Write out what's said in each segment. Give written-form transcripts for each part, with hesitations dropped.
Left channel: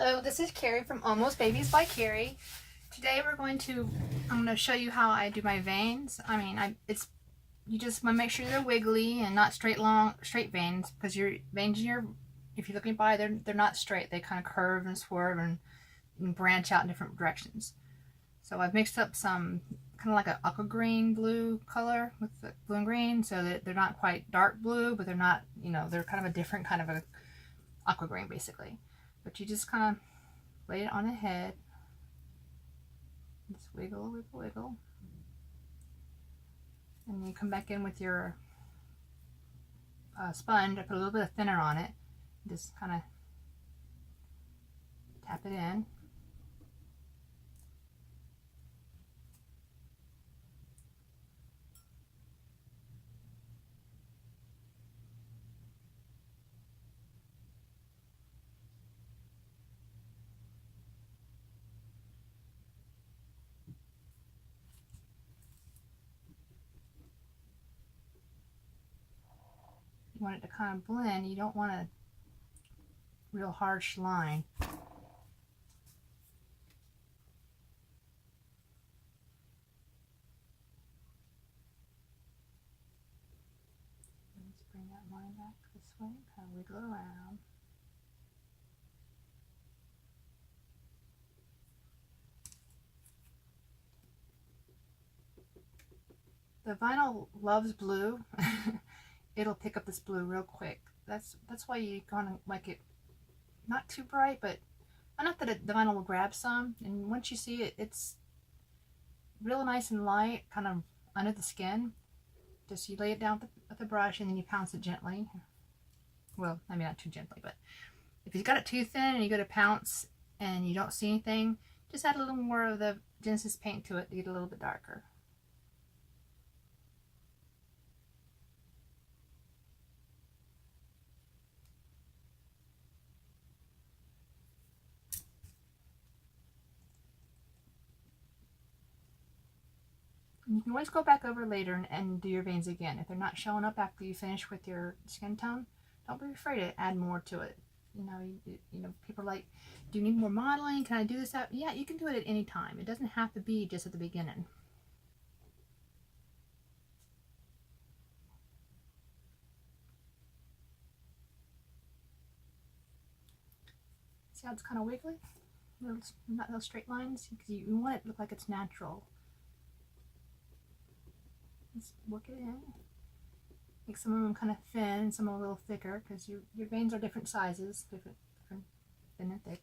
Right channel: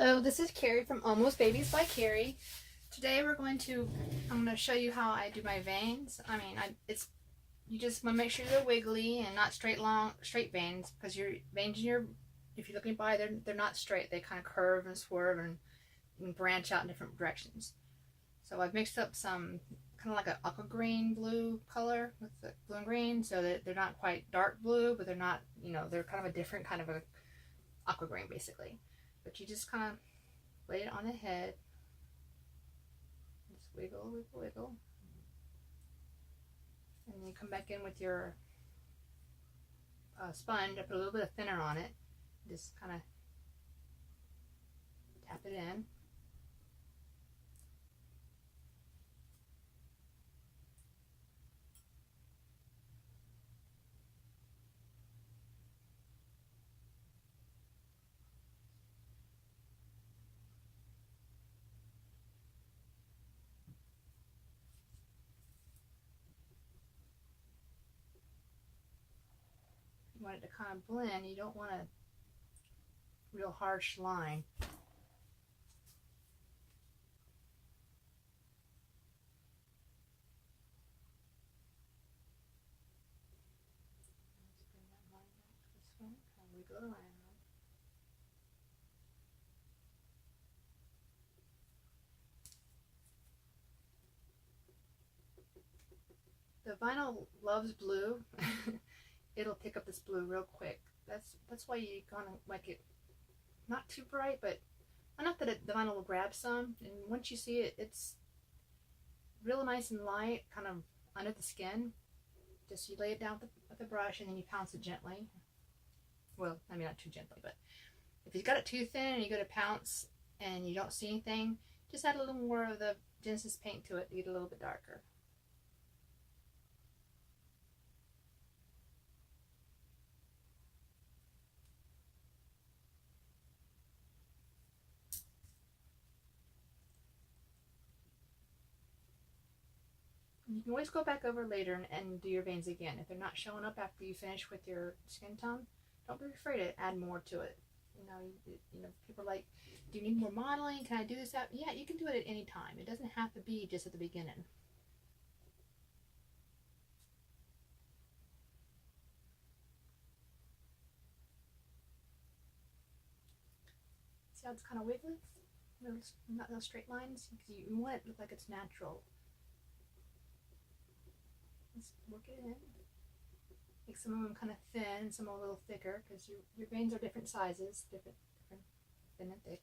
Hello, this is Carrie from Almost Babies by Carrie. Today I'm going to show you how I do my veins. You just want to make sure they're wiggly and not straight veins, because your veins if you're looking by, they're not straight. They kind of curve and swerve and branch out in different directions. So I've mixed up some kind of like an aqua green blue color with the blue and green, so that they're not quite dark blue, but they're not, they're kind of a different kind of a aqua green basically. But you just kind of lay it on the head. Just wiggle, wiggle, wiggle. And you come back in with your sponge. I put a little bit of thinner on it. Just kind of tap it in. You want it to kind of blend. You don't want a real harsh line. Let's bring that line back this way, kind of wiggle around. The vinyl loves blue. It'll pick up this blue real quick. That's why you want to make it not too bright, but enough that the vinyl will grab some. And once you see it, it's real nice and light, kind of under the skin. Just you lay it down with the brush and then you pounce it gently. Well, I mean not too gently, but if you've got it too thin and you go to pounce and you don't see anything, just add a little more of the Genesis paint to it to get a little bit darker. You can always go back over later and do your veins again. If they're not showing up after you finish with your skin tone, don't be afraid to add more to it. People are like, do you need more modeling? Can I do this? Yeah, you can do it at any time. It doesn't have to be just at the beginning. See how it's kind of wiggly? Not those straight lines, because you want it to look like it's natural. Just work it in. Make some of them kind of thin, some a little thicker, because your veins are different sizes, different thin and thick.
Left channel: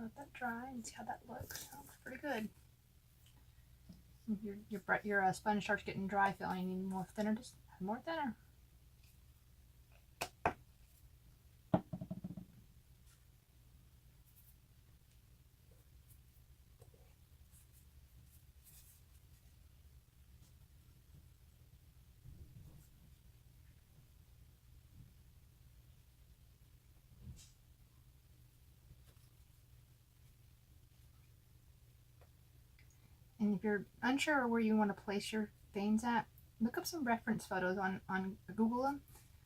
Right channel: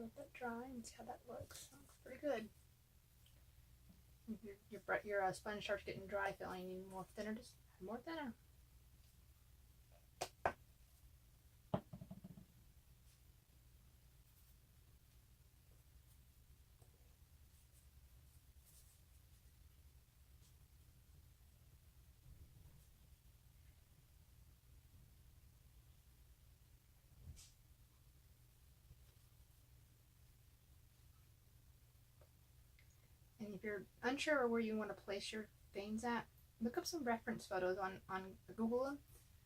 Let that dry and see how that looks. That looks pretty good. If your sponge starts getting dry feeling, you need more thinner, just add more thinner. And if you're unsure where you want to place your veins at, look up some reference photos on Google them.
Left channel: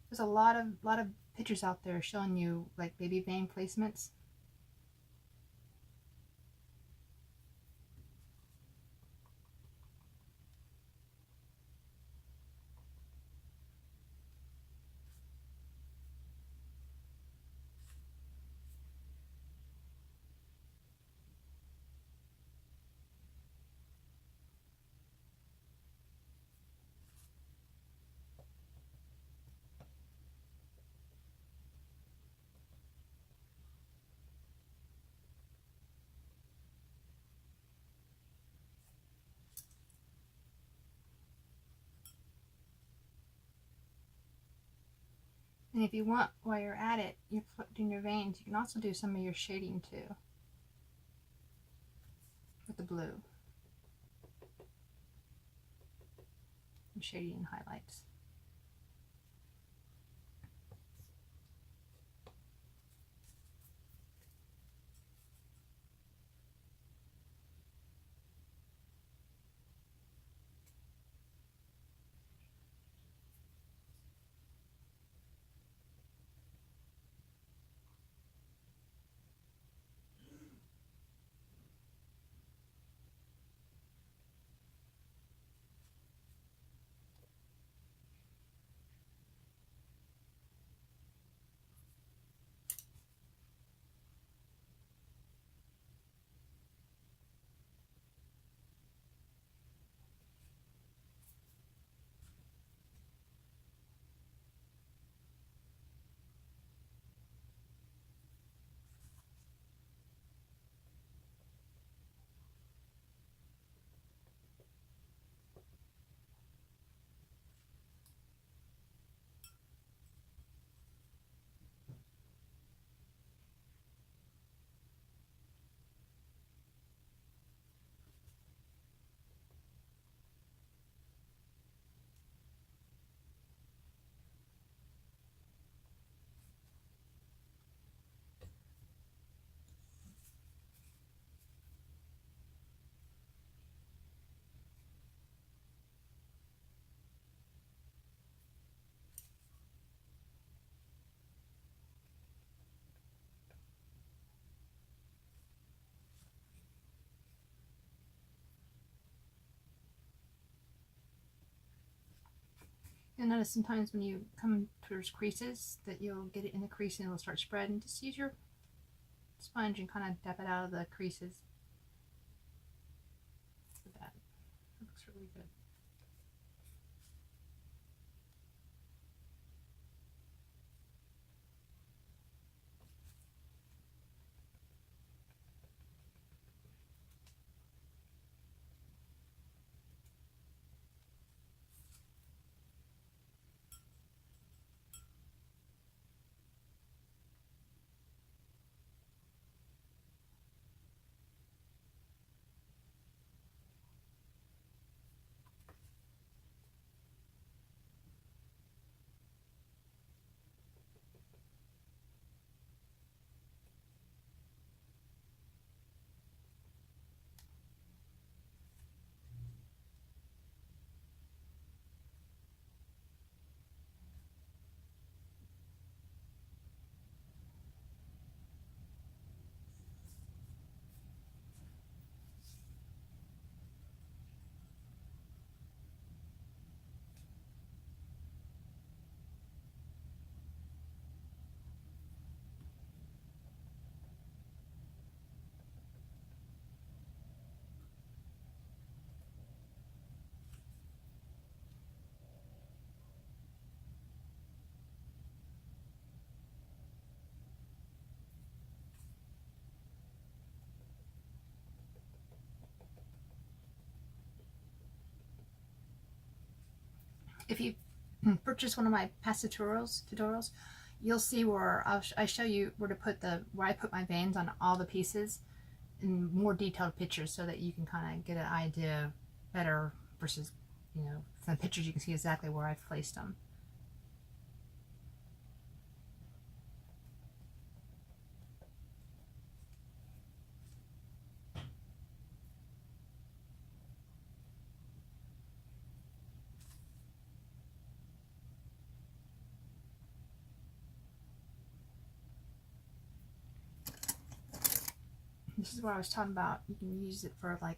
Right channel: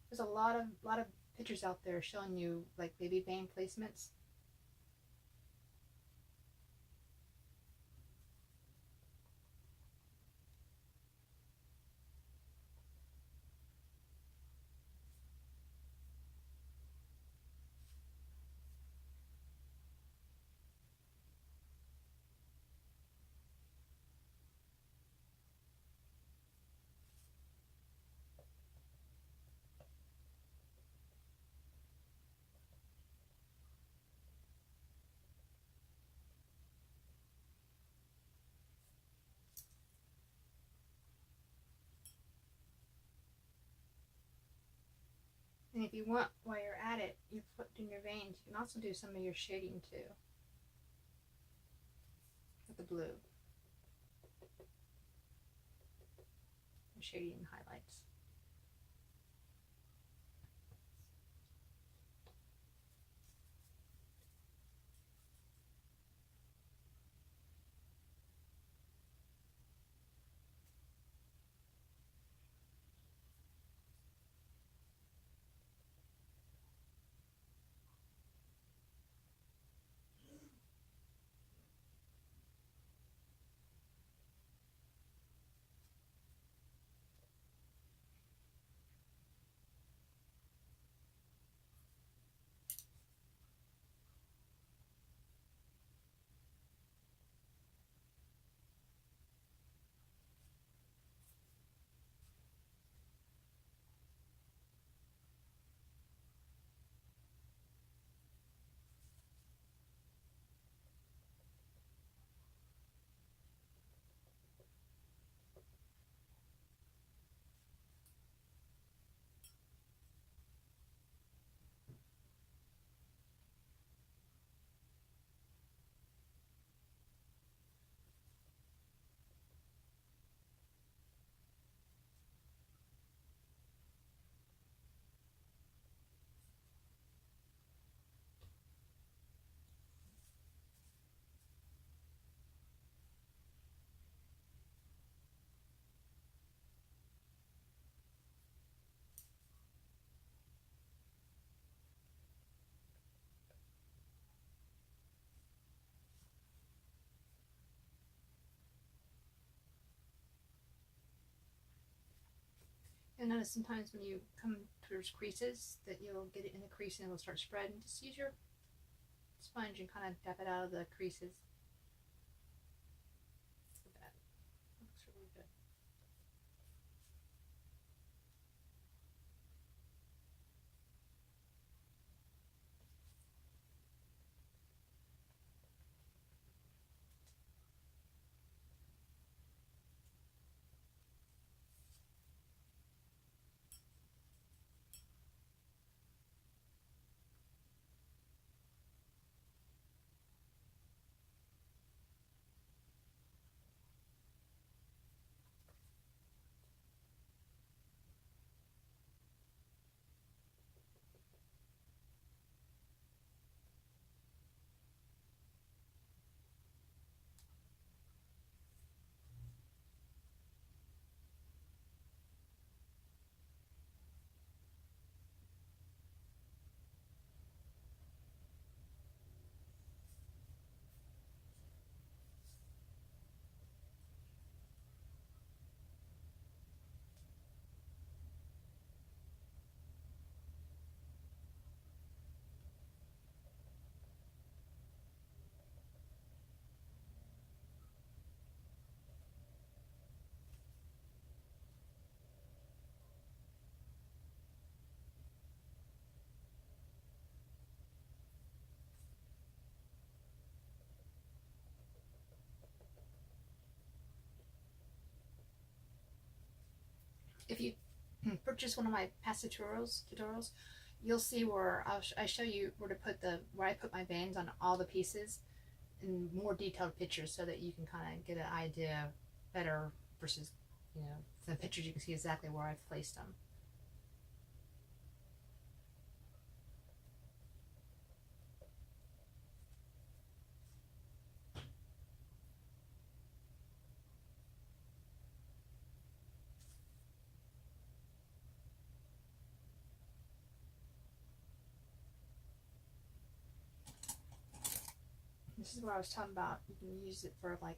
There's a lot of pictures out there showing you like baby vein placements. And if you want, while you're at it, you're doing your veins, you can also do some of your shading too with the blue. And shading and highlights. You'll notice sometimes when you come towards creases that you'll get it in the crease and it'll start spreading. Just use your sponge and kind of dab it out of the creases. Look at that. That looks really good. If you purchase one of my past tutorials, you'll see where I show you where to put where I put my veins on all the pieces in more detailed pictures so that you can kind of get an idea better versus, you know, from the pictures you can see exactly where I've placed them. This is what I was talking about. You can use it for like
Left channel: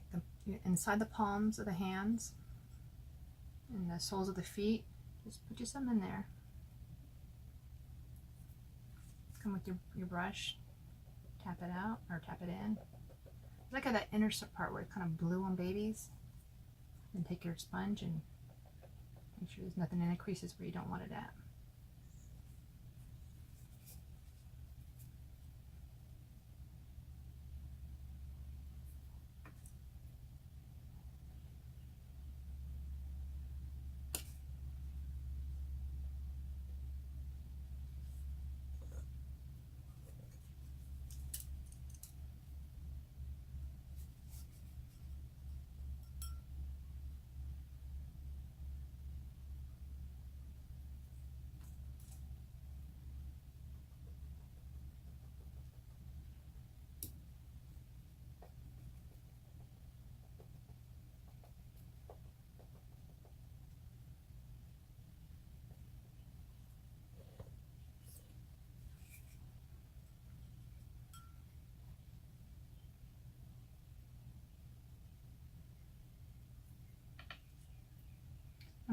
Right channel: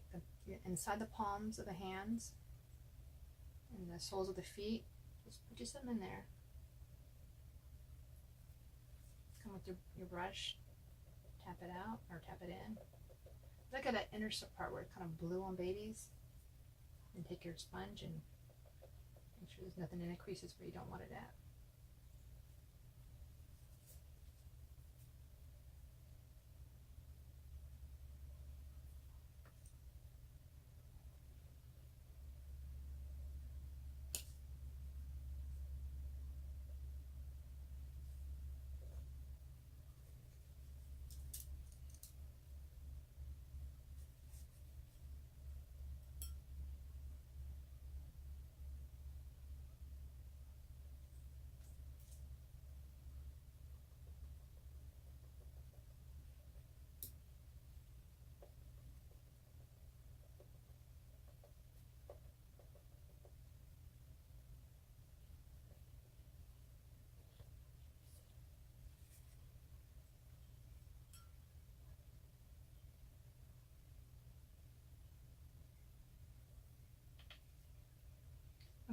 inside the palms of the hands and the soles of the feet. Just put some in there. Come with your brush, tap it out or tap it in. Look at that inner part where it's kind of blue on babies. And take your sponge and make sure there's nothing in the creases where you don't want it at.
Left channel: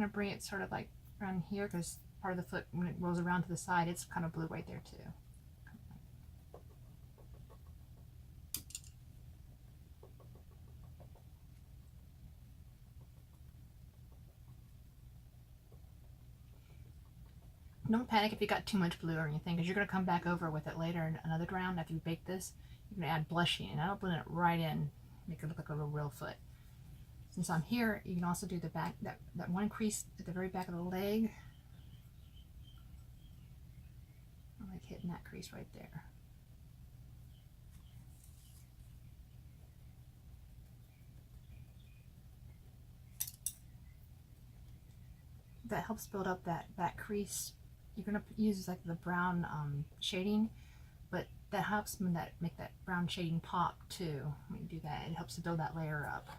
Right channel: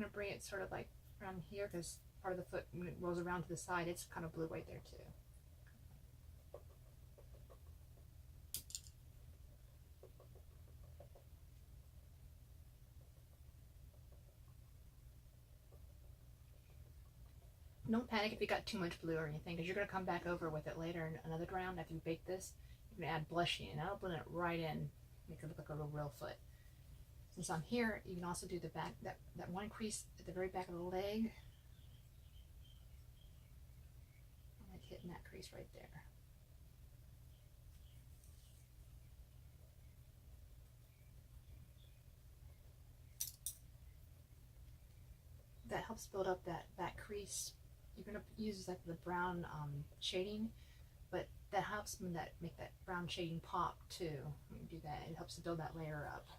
going to bring it sort of like around here, because part of the foot, when it rolls around to the side, it's kind of blue right there too. Don't panic if you got too much blue or anything, because you're going to come back over with it later in another round after you bake this. You're going to add blushing, and I'll blend it right in, make it look like a real foot. Since I'm here, you can also do the back, that one crease at the very back of the leg. I like hitting that crease right there. That helps build up that crease. You're gonna use like the brown shading, but that helps make that brown shading pop too. When you do that, it helps to build that layer up.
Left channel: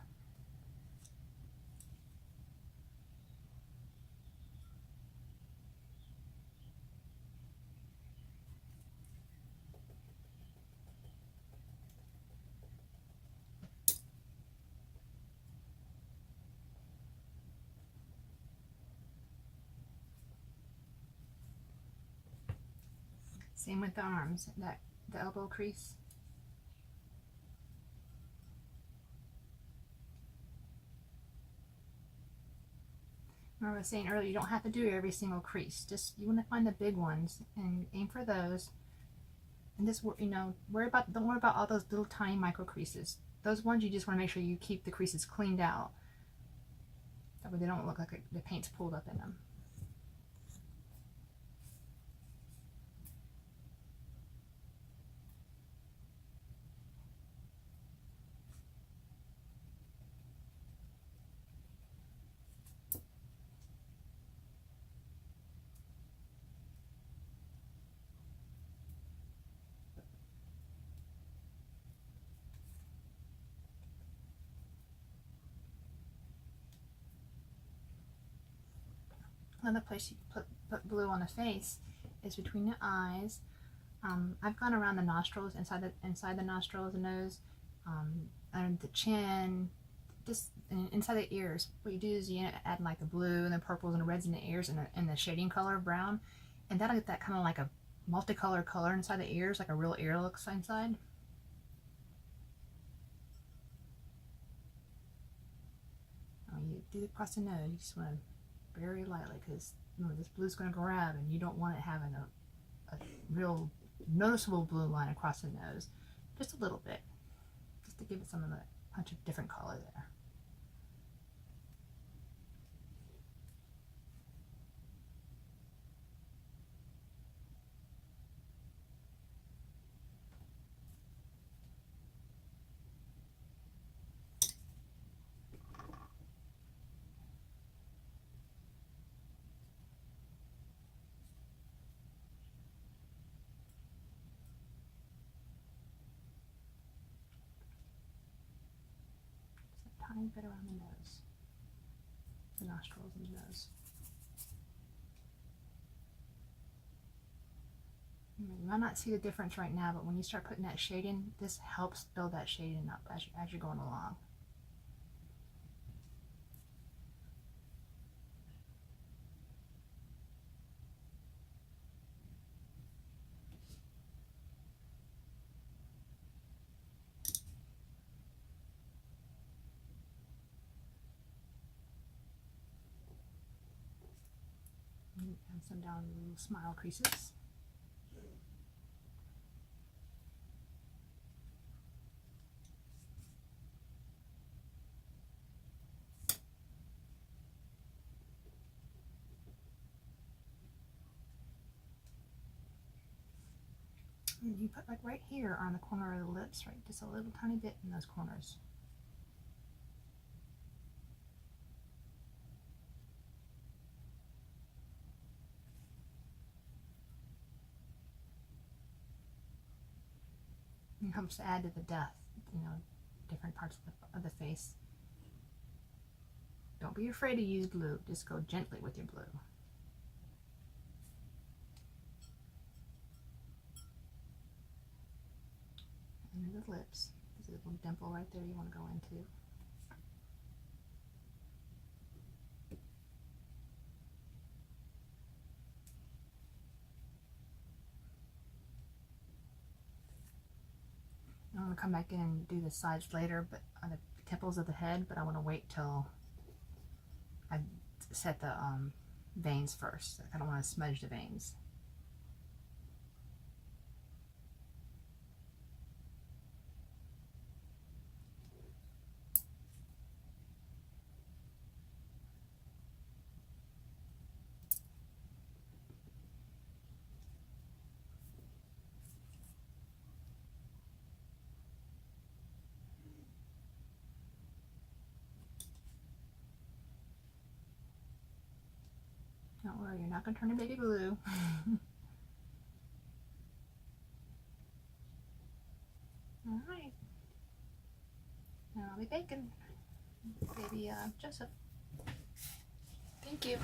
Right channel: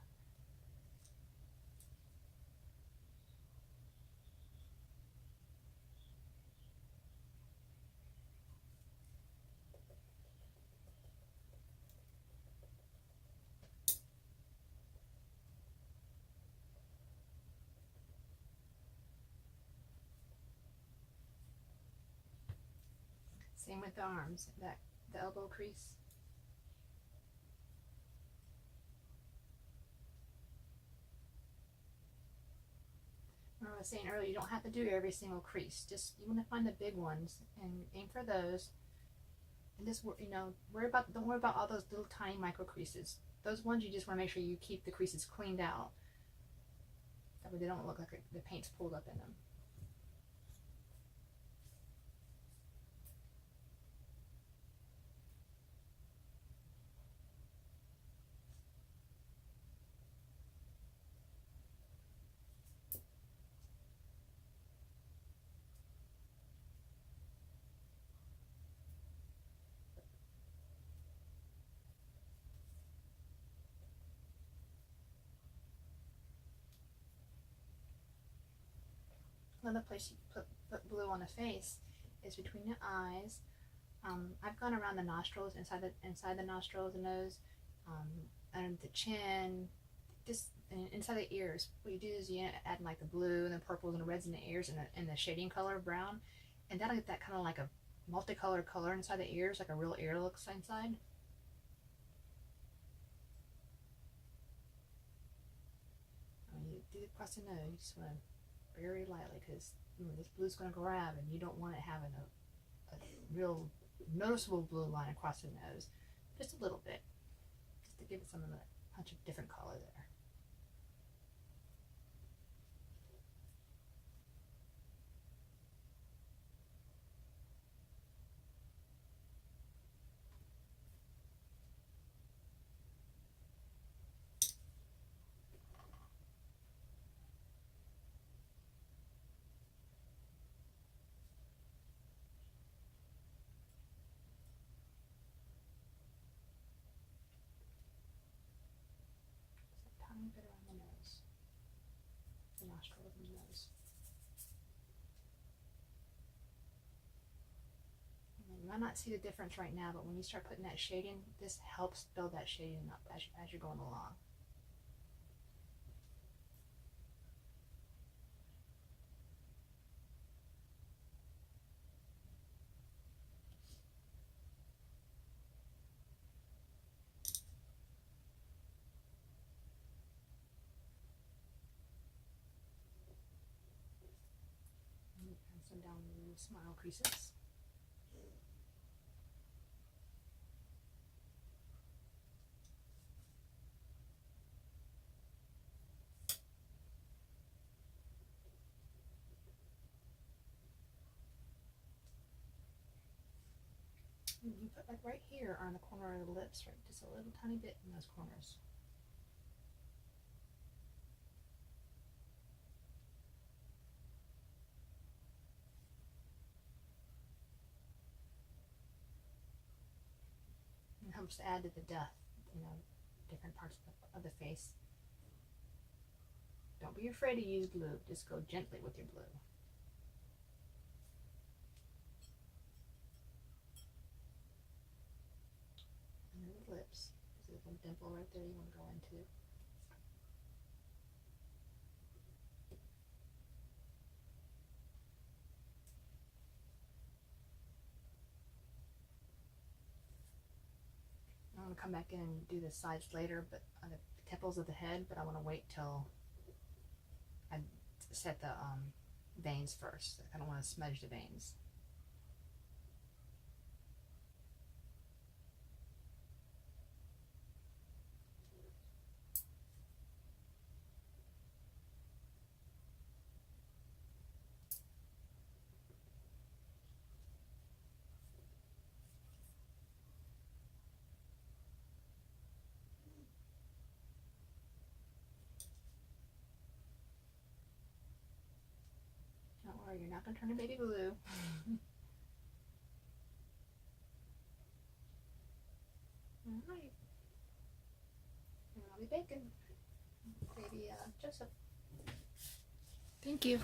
Same with the arms, the elbow crease. Remember I was saying earlier, you don't have to do every single crease. Just, you want to find the big ones and aim for those. And just, you know, don't worry about all those little tiny micro creases. Those ones you just want to make sure you keep the creases cleaned out. That way they don't look like the paint's pulled up in them. Another place you put blue on the face is between the eyes. I've gone around the nostrils, inside the nostrils, the nose, and the chin, just inside the ears. What you do is you add like the blue and the purples and the reds in the ears, and the shading color of brown, and that'll get that kind of like a multicolored color inside the ears, like a real ear looks inside. You do it across the nose. You just want to very lightly, because you know this blue's going to grab, and you don't want it having a real noticeable blue line across the nose. Just a little bit, just to give it some of that punch of different color there. Tiny bit around the nose, the nostrils and the nose. You might not see the difference right now, but when you start putting that shading, this helps build that shading up as you're going along. And some down the little smile creases. And you put like right here on the corner of the lips, right, just a little tiny bit in those corners. It helps to add to the depth, you know, different parts of the face. Don't be afraid to use blue, just go gently with your blue. Under the lips, there's a little dimple right there you want to go into. going to come back in and do the sides later, but on the temples of the head, but I want to wait till I set the veins first. I don't want to smudge the veins. Don't worry, you're not going to turn to baby blue. Alright. Now I'll be baking baby Joseph. Thank you.